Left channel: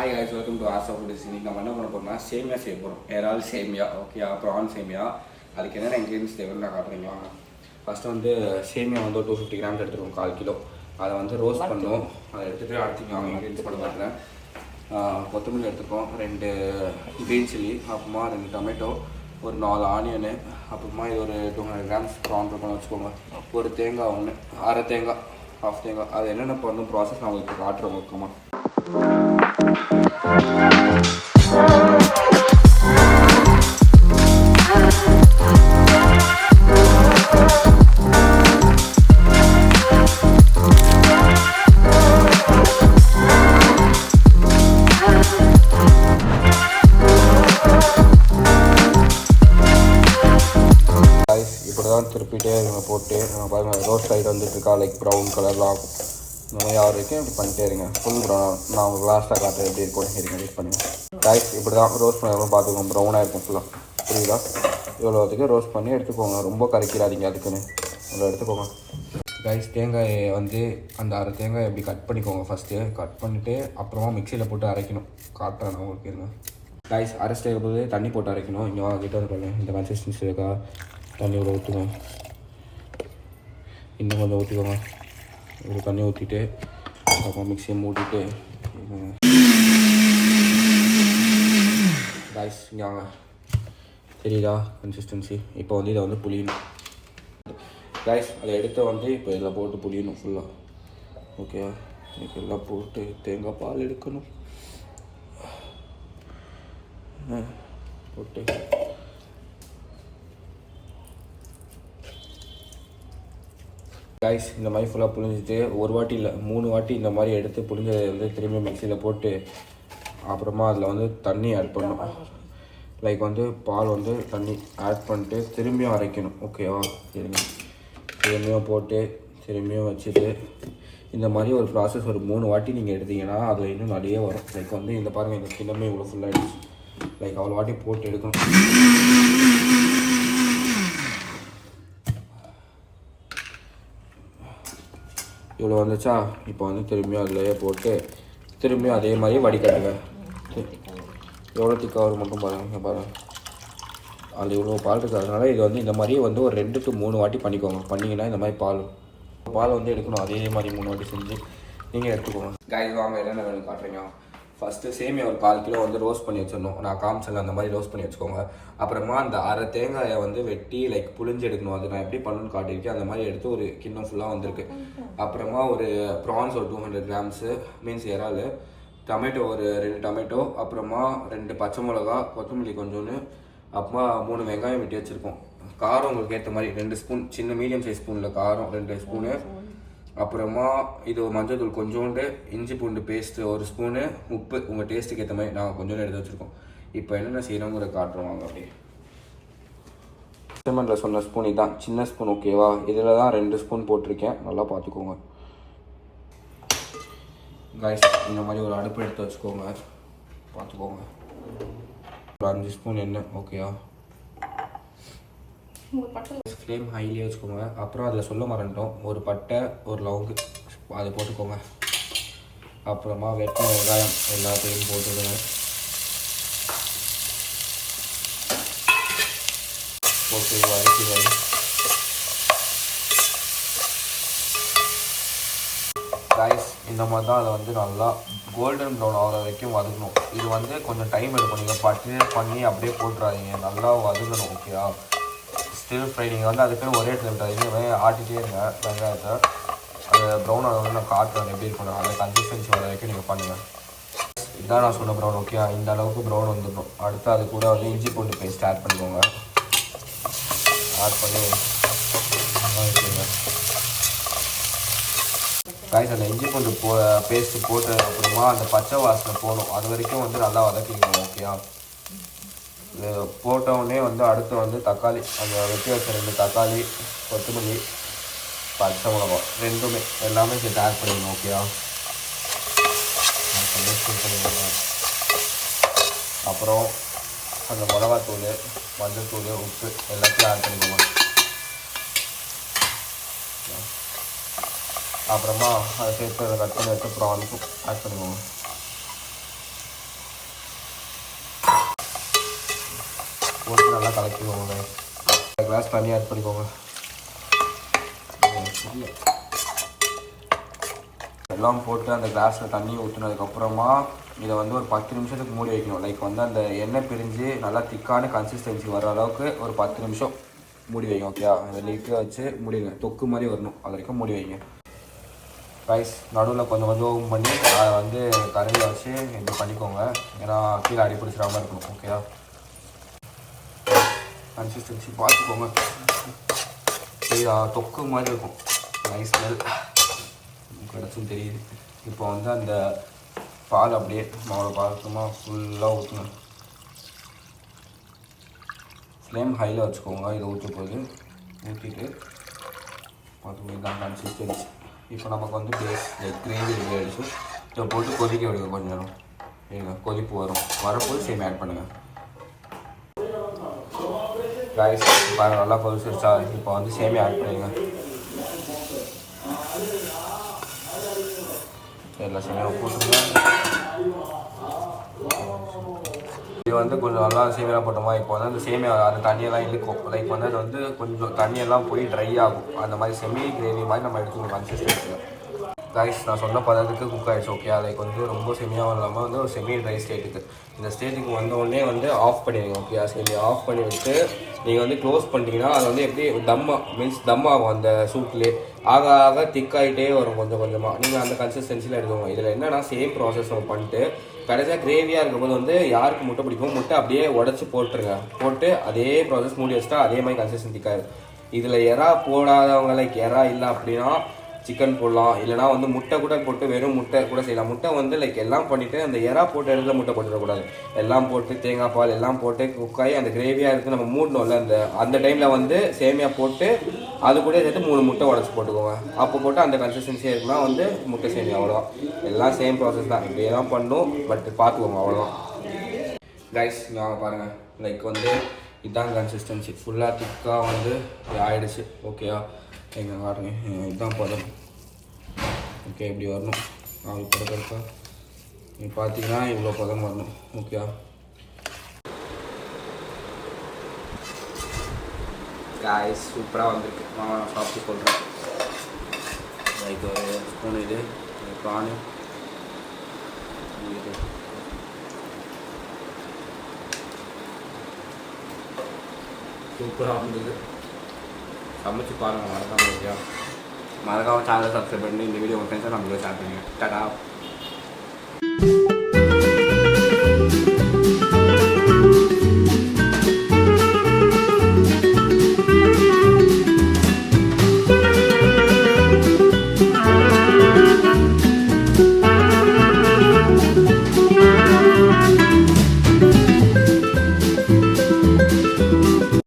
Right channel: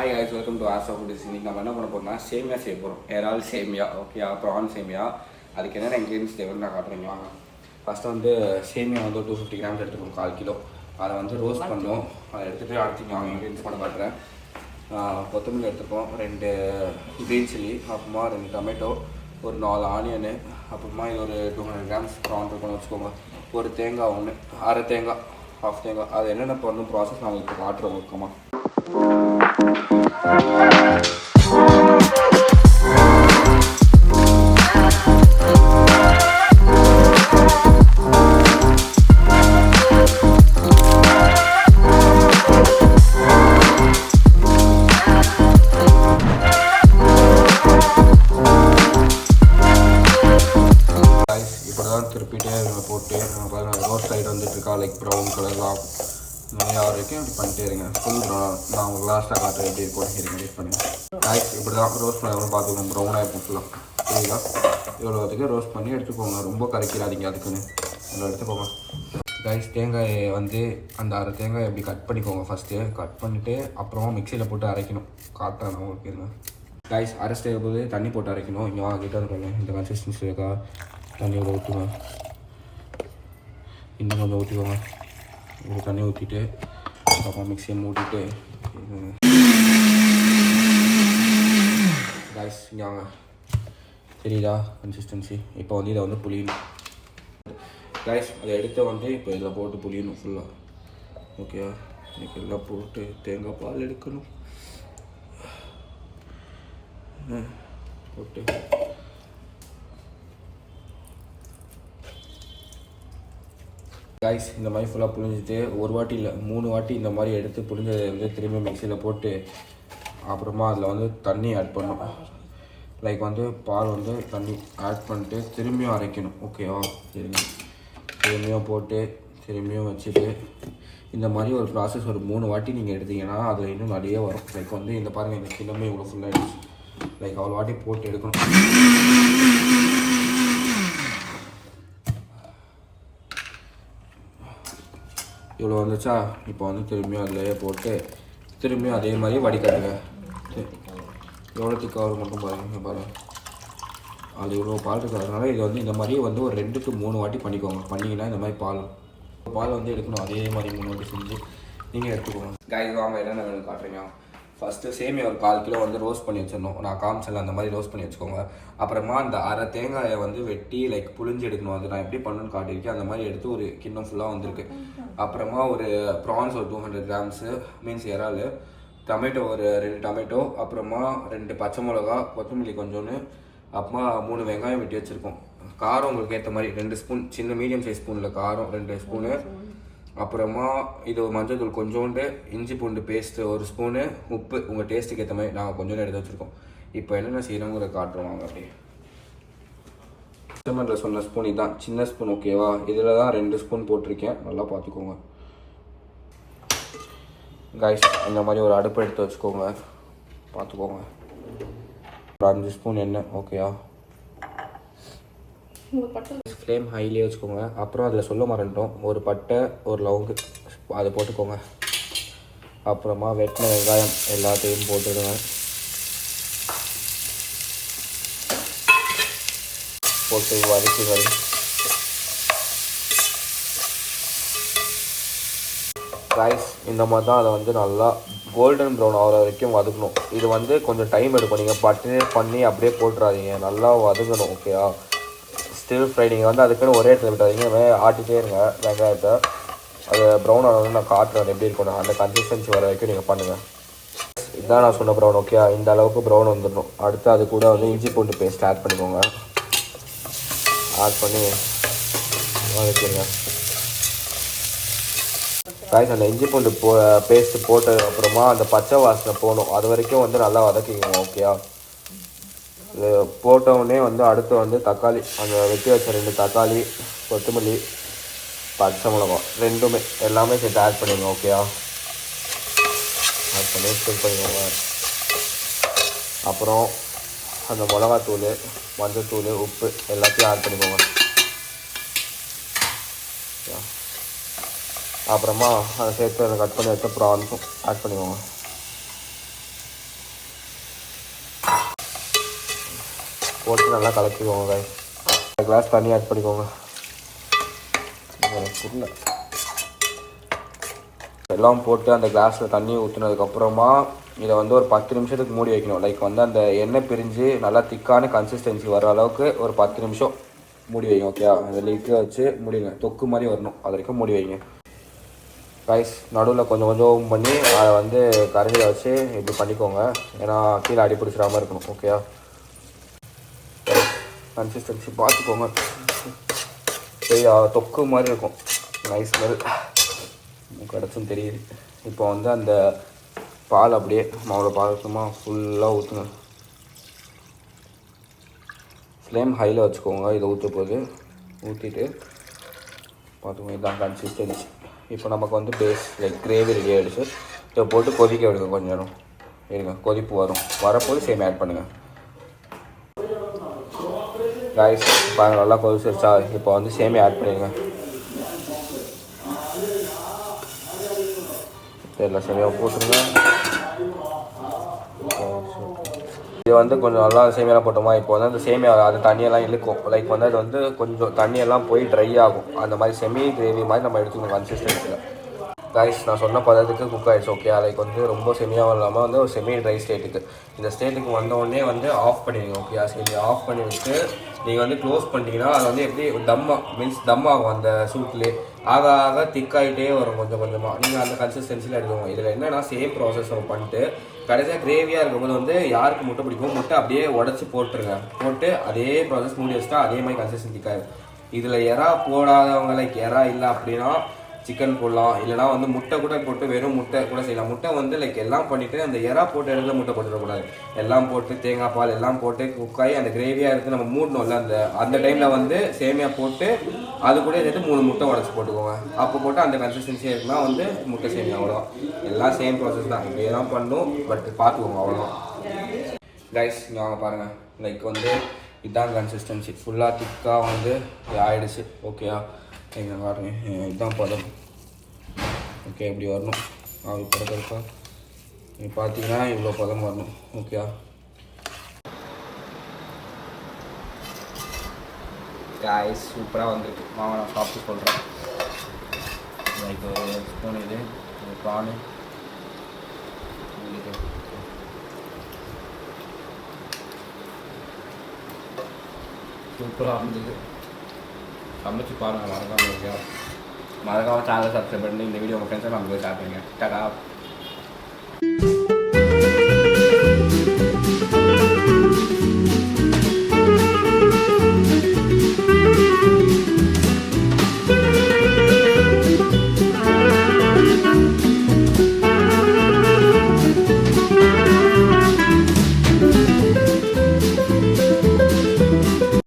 Hi guys, welcome to Asa Foodies. இன்னைக்கு நம்ம என்ன பண்ண போறோம்னா சேமியா செய்ய போகிறோம். இறால் சேமியா, ஓகே, ப்ரான் சேமியா. அதுக்கு என்னென்ன இன்க்ரீடியன்ஸ் தேவைன்னு நான் காட்டுறேங்க வாங்க. ஃபஸ்ட்டு வந்து சேமியா வந்து 250 கிராம்ஸ் எடுத்துருக்கோம், 1/4 கிலோ. அதை வந்து ரோஸ்ட் பண்ணோம். அதை எடுத்துகிட்டு அடுத்து நான் இன்க்ரீடியன்ஸ் பண்ண மாட்டேன். கொத்தமல்லி எடுத்துருக்கோம், 2 க்ரீன் சில்லி, அப்புறமா 2 டொமேட்டோ, ஒரு 4 ஆனியனு, அப்புறமா இது ஒரு 200 கிராம்ஸ் ப்ரான் இருக்குன்னு வச்சுக்கோங்க. ஒரு தேங்காய் ஒன்று, அரை தேங்காய், ஹாஃப் தேங்காய். அது என்னென்ன பண்ணணும் ப்ராசஸ் நான் உங்களுக்கு காட்டுறேன் முக்கியமாக. இப்படிதான் திருப்பிட்டே இருங்க போட்டு பாருங்கள், ரோஸ்ட் சைடு வந்துட்டு இருக்கா, லைக் ப்ரௌன் கலர்லாம் இந்த மாதிரி ஆறு வரைக்கும் இப்படி பண்ணிட்டே இருங்க. ஃபுல் ப்ரௌன் நான் உங்களுக்கு லாஸ்ட்டாக காட்டுறேன் எப்படி இருக்கும். இருங்க வெயிட் பண்ணுங்கள். ரைஸ் இப்படி தான் ரோஸ்ட் பண்ணி பார்த்துக்கோங்க, ப்ரௌனாக இருக்கும் ஃபுல்லாக. புரியுதா? இவ்வளோத்துக்கு ரோஸ்ட் பண்ணி எடுத்துக்கோங்க, ரொம்ப கரைக்கிறாதீங்க. அதுக்குன்னு இவ்வளோ எடுத்துக்கோங்க. ரைஸ் தேங்காயை வந்து அந்த அரை தேங்காய் எப்படி கட் பண்ணிக்கோங்க. ஃபஸ்ட்டு கட் பண்ணிவிட்டு அப்புறமா மிக்சியில் போட்டு அரைக்கணும். காட்டுறேன் நான் உங்களுக்கு. இருங்க ரைஸ் அரைச்சிட்டு இருக்கும்போது தண்ணி போட்டு அரைக்கணும். இங்கே கிட்ட இருக்காங்க, இந்த கன்சிஸ்டன்சி இருக்கா, தண்ணி இவ்வளோ ஊற்றுங்க, இன்னும் கொஞ்சம் ஊற்றிக்கோங்க. இவ்வளோ தண்ணி ஊற்றிட்டு அப்புறம் மிக்சியை மூட்டிட்டு ரைஸ் இங்கே வாங்க, தெரியுதா கன்சிஸ்டன்சி? இப்போ வந்து இதை வந்து புளியணும். ரைஸ் அதை எடுத்து வந்து இப்போ இதில் போட்டு புளியணும் ஃபுல்லாக. ஓகேவா? இன்னைக்கு எல்லாம் போட்டு தேங்காய் பால் எடுக்கணும். போட்டு ரைஸ் இந்த மாதிரி ஃபுல்லாக புழிஞ்சிட்டு ஒரு வாட்டி இல்லை 3 வாட்டி இந்த மாதிரி எடுத்து புழிஞ்சதை வந்து திரும்பி மிக்சியில் போட்டு அப்புறமா அதில் வந்து தண்ணி ஆட் பண்ணணும். லைக் வந்து பால் வந்து தண்ணி ஆட் பண்ணிட்டு திரும்பியும் அரைக்கணும். ஓகேவா? திரும்பியும் போட்டு திரும்பியும் வச்சுட்டு இந்த மாதிரி ஒரு ப்ராசஸ் ஒரு 3 வாட்டி நீங்கள் எடுத்தீங்கன்னா அதில் இன்னும் நிறைய வரும். லைக் வந்து இந்த பாருங்கள், இந்த கிண்ணமே இவ்வளோ ஃபுல்லாக ஆகிடுச்சு. லைக் அவ்வளோ வாட்டி போட்டு எடுக்கணும். இவ்வளோ வந்துச்சா? இப்போ வந்து திரும்பியும் அதிலேயே போட்டு திரும்பியும் அதே மாதிரி வடிகட்டுங்க. எவ்வளோ திக்காக மட்டும் பாருங்கள். பாருங்கள், அது இவ்வளோ பால் இருக்குது. அதனால் இது வந்து இந்த மாதிரியே வந்து ஒரு 2 to 3 வாட்டி பண்ணிக்கோங்க. பண்ணிங்கன்னா இந்த மாதிரி பால் வந்து எடுக்கணும். அதே மாதிரி 3 வாட்டி செஞ்சு நீங்கள் எடுத்துக்கோங்க. கைஸ் வாங்க, என்னென்ன வேணும் காட்டுறீங்க. ஃபஸ்ட்டு சேமியா ஒரு 1/4 கிலோ வந்து ரோஸ்ட் பண்ணி வச்சிடணும். நான் காமிச்சல அந்த மாதிரி ரோஸ்ட் பண்ணி வச்சுக்கோங்க. அப்புறமா அந்த அரை தேங்காயை வந்து வெட்டி லைக் புழிஞ்சு எடுக்கணும். அது நான் எப்படி பண்ணணும்னு காட்டியிருக்கேன். அந்த மாதிரி எடுத்து ஒரு கிண்ணம் ஃபுல்லாக வந்திருக்கு. அப்புறமா ஒரு ப்ரான்ஸ் ஒரு 200 கிராம்ஸு, மீன்ஸ் இறால், டொமேட்டோ ஒரு 2 டொமேட்டோ, அப்புறமா 2 பச்சை மிளகா, கொத்தமல்லி கொஞ்சோன்னு, அப்புறமா 3 வெங்காயம் வெட்டி வச்சுருக்கோம். காரம் உங்களுக்கு ஏற்ற மாதிரி 2 ஸ்பூன், சின்ன மீடியம் சைஸ் ஸ்பூனில் காரம் 2 ஸ்பூனு. அப்புறமா இது மஞ்சள் தூள் கொஞ்சோண்டு, இஞ்சி பூண்டு பேஸ்ட்டு 1 ஸ்பூனு, உப்பு உங்கள் டேஸ்ட்டுக்கு ஏற்ற மாதிரி நாங்கள் கொஞ்சோண்டு எடுத்து வச்சுருக்கோம். இப்போ என்னென்ன செய்கிறோங்கிற காட்டுறோம் வாங்க. அப்படியே சிமெண்ட்டில் சொன்ன ஸ்பூன் இதுதான், சின்ன ஸ்பூன். ஓகேவா? இதில் தான் 2 ஸ்பூன் போட்டிருக்கேன், நல்லா பார்த்துக்கோங்க. கைஸ் இந்த மாதிரி ஒரு அடுப்பு எடுத்து வச்சுக்கோங்க, பார்த்துக்கோங்க. ஒரு 5 ஸ்பூன் எண்ணெய். ஓகேவா? ஃப்ளேம் ஹைலியே வச்சுக்கோங்க. அப்புறம் அதில் சொல்ல மறந்துட்டோம், ஒரு பட்டை ஒரு லவங்கு அதை போட்டுக்கோங்க. அப்புறமா வெட்டின வெங்காயம் எல்லாத்தையும் போட்டுடுங்க. போட்டு வதக்கி வரும். ரைஸ் இந்த மாதிரி தான் அதை வந்து நல்லா கோல்டன் ப்ரௌன் ஆகிற வரைக்கும் வதக்கணும். இது வந்து கொஞ்சம் டைம் எடுக்கும். நீங்கள் பட்டு பண்ணி அப்படியே போட்டுறாதீங்க, நல்லா வதக்கணும். ஓகேவா? ஸ்டில் ஃப்ரை நீங்கள் வந்து அதுக்குன்னு ஒரே இடத்துல ஆட்டிகிட்டே இருங்க வெங்காயத்தை. அது ப்ரௌன் ஆனது நான் காட்டுறேன் எப்படி இருக்கணும். அந்த கன்சிஸ்டன்சி வர வரைக்கும் நீங்கள் பண்ணுங்கள். இதுதான் நான் சொன்ன ப்ரௌன். ஓகே, இந்த அளவுக்கு ப்ரௌன் வந்துடணும். அடுத்து அது கூட வந்து இஞ்சி பூண்டு பேஸ்ட் ஆட் பண்ணிக்கோங்க. ஆட் பண்ணி வச்சுருங்க. ரைஸ் அந்த இஞ்சி பூண்டு பேஸ்ட்டு போட்டது அப்புறமா அந்த பச்சை வாசனை போகணும். அது வரைக்கும் வந்து நல்லா வதக்கிங்க. ஓகேயா? போட்டோடனே வந்து அடுத்து வந்து தக்காளி, அந்த வெட்டி வச்ச 2 தக்காளி, கொத்தமல்லி, பச்சை மிளகாய் ரெண்டுமே எல்லாமே சேர்த்து ஆட் பண்ணுங்க. ஓகேவா? அப்புறம் அந்த மிளகாத்தூள், மஞ்சள் தூள், உப்பு எல்லாத்தையும் ஆட் பண்ணிக்கோங்க. அப்புறமா அதை சேர்த்து அதை கட் பண்ணி வச்சு ப்ரான்ஸும் ஆட் பண்ணிக்கோங்க. போட்டு நல்லா கலக்கிடுவோங்க. கிளாஸ் தண்ணி ஆட் பண்ணிக்கோங்க. எல்லாம் போட்டு அந்த கிளாஸில் தண்ணியை ஊற்றினதுக்கப்புறமா இதை வந்து ஒரு 10 நிமிஷத்துக்கு மூடி வைக்கணும். லைக் வந்து அந்த எண்ணெய் பிரிஞ்சு நல்லா திக்கான கன்சிஸ்டன்சி வர அளவுக்கு ஒரு 10 நிமிஷம் மூடி வைங்க. ஓகே, அந்த லிட்டை வச்சு மூடிங்க. தொக்கு மாதிரி வரணும், அது வரைக்கும் மூடி வைங்க. ரைஸ் நடுவில் கொஞ்சம் கொஞ்சம் ஓப்பன் பண்ணி அதை வந்து கரண்டியை வச்சு இப்படி பண்ணிக்கோங்க. ஏன்னா கீழே அடி பிடிச்சிடாமல் இருக்கணும். ஓகே, கன்சிஸ்டன்சி பார்த்துக்கோங்க. தொக்கு மாதிரி இருக்கும். நைஸ் ஸ்மெல் கிடச்சும் தெரியுது. இப்போ வந்து அந்த பால் அப்படியே மாவோட பாலக்கமாக ஃபுல்லாக ஊற்றணும். ஃப்ளேம் ஹையில் வச்சுக்கோங்க. இதை ஊற்ற போது ஊற்றிட்டு பார்த்துக்கோங்க. இதுதான் கன்சிஸ்டன்சி. இப்போ நமக்கு வந்து பேஸ் லைக் கிரேவி ரெடி ஆகிடுச்சு. இதை போட்டு கொதிக்க விடுங்க. கொஞ்சம் நேரம் இருங்க, கொதிப்பு வரும். வரப்போது சேம் ஆட் பண்ணுங்கள். ரைஸ் பாருங்கள் நல்லா கொதிச்சிருச்சா. இப்போ வந்து சேமியா ஆட் பண்ணுங்க. சரிங்களா, சரியாக போட்டுருங்க. இது வந்து கொஞ்சம் நல்லா சேமியாலாம் போட்டோமா. இப்போ வந்து அந்த சேமியா அந்த தண்ணியெல்லாம் இழுக்கும். லைக் வந்து அது வந்து கொஞ்சம் தண்ணியெல்லாம் போய் ட்ரை ஆகும். அந்த மாதிரி செமி கிரேவி மாதிரி நம்ம எடுத்துக்கணும் கன்சிஸ்டன்சியில். ரைஸ் நான் சொன்ன பதத்துக்கு குக் ஆகிடுச்சு. ஓகே, அதுக்கு வந்து ரொம்ப செமியாகவும் இல்லாமல் வந்து ஒரு செமி ட்ரை ஸ்டேட்டுக்கு இந்த ஸ்டேட்டுக்கு வந்தோடனே வந்து ஆஃப் பண்ணிடுங்க. ஓகே, சரி ஆஃப் பண்ணி விட்டு நீங்கள் வந்து க்ளோஸ் பண்ணிட்டீங்கன்னா அது வந்து எப்படி தம் ஆகும். அந்த சூட்லேயே ஆக ஆக திக்காகிட்டே வரும் கொஞ்சம் கொஞ்சமாக. நீங்கள் அந்த கன்சிஸ்டன்சியில் எடுத்துக்கோங்க. இதில் என்னென்னா சேம் ப்ராசஸ் நம்ம பண்ணிட்டு கடைசியாக கிரேவியாக இருக்கும்போது வந்து யாருக்கு முட்டை பிடிக்கும் முட்டை அப்படியே உடச்சி போட்டுருங்க. போட்டு அதே ப்ராசஸ் மூடி வச்சுட்டா அதே மாதிரி கன்சிஸ்டன்சி திக்காது. இதில் எறா போடாதவங்க லைக் எறா இல்லை அப்படின்னா சிக்கன் போடலாம். இல்லைனா வந்து முட்டை கூட போட்டு வெறும் முட்டை கூட செய்யலாம். முட்டை வந்து லைக் எல்லாம் பண்ணிவிட்டு அந்த எறா போட்டு இடத்துல முட்டை போட்டுடக்கூடாது. எல்லாம் போட்டு தேங்காய் பால் எல்லாம் போட்டு குக்காகி அந்த கிரேவியாக இருக்குது நம்ம மூடணும்ல. அந்த டைமில் வந்து சேமியா போட்டு அது கூட சேர்த்து 3 முட்டை உடச்சி போட்டுக்கோங்க. அப்போ போட்டு அந்த கன்சிஸ்டன்சியாக இருக்குன்னா வந்து முட்டை சேமியா. அவ்வளோதான், எல்லாம் சேம் ப்ராசஸ் தான். இப்படியே தான் பண்ணணும். பட் பார்த்துக்கோங்க, அவ்வளோதான். ரைஸ் நாங்கள் பாருங்கள் லைக் வந்து இதுதான் கன்சிஸ்டன்சி. ஃபுல்லாக திக்காக வந்து ஆயிடுச்சு. ஓகேயா, எங்கே பாருங்க, இதுதான் பதம். ஓகே, இப்படி வரணும். அப்படி படக்கா நீ பார்த்தீங்கன்னா இவ்வளோ பதம் வரணும். ஓகேயா, காய்ஸ் சூப்பராக வந்திருக்கு. மாவை நான் சாப்பிட்டு சொல்கிறேன். லைக் ஒரு ஸ்பூன் இது பானி சூப்பராக இருந்தது. சமைச்சு பாருங்கள். மறக்காமல் சேனலை சப்ஸ்கிரைப் பண்ணி இந்த வீடியோ உங்கள் ஃப்ரெண்ட்ஸை நம்ம ஷேர் பண்ணுங்கள். டாடா.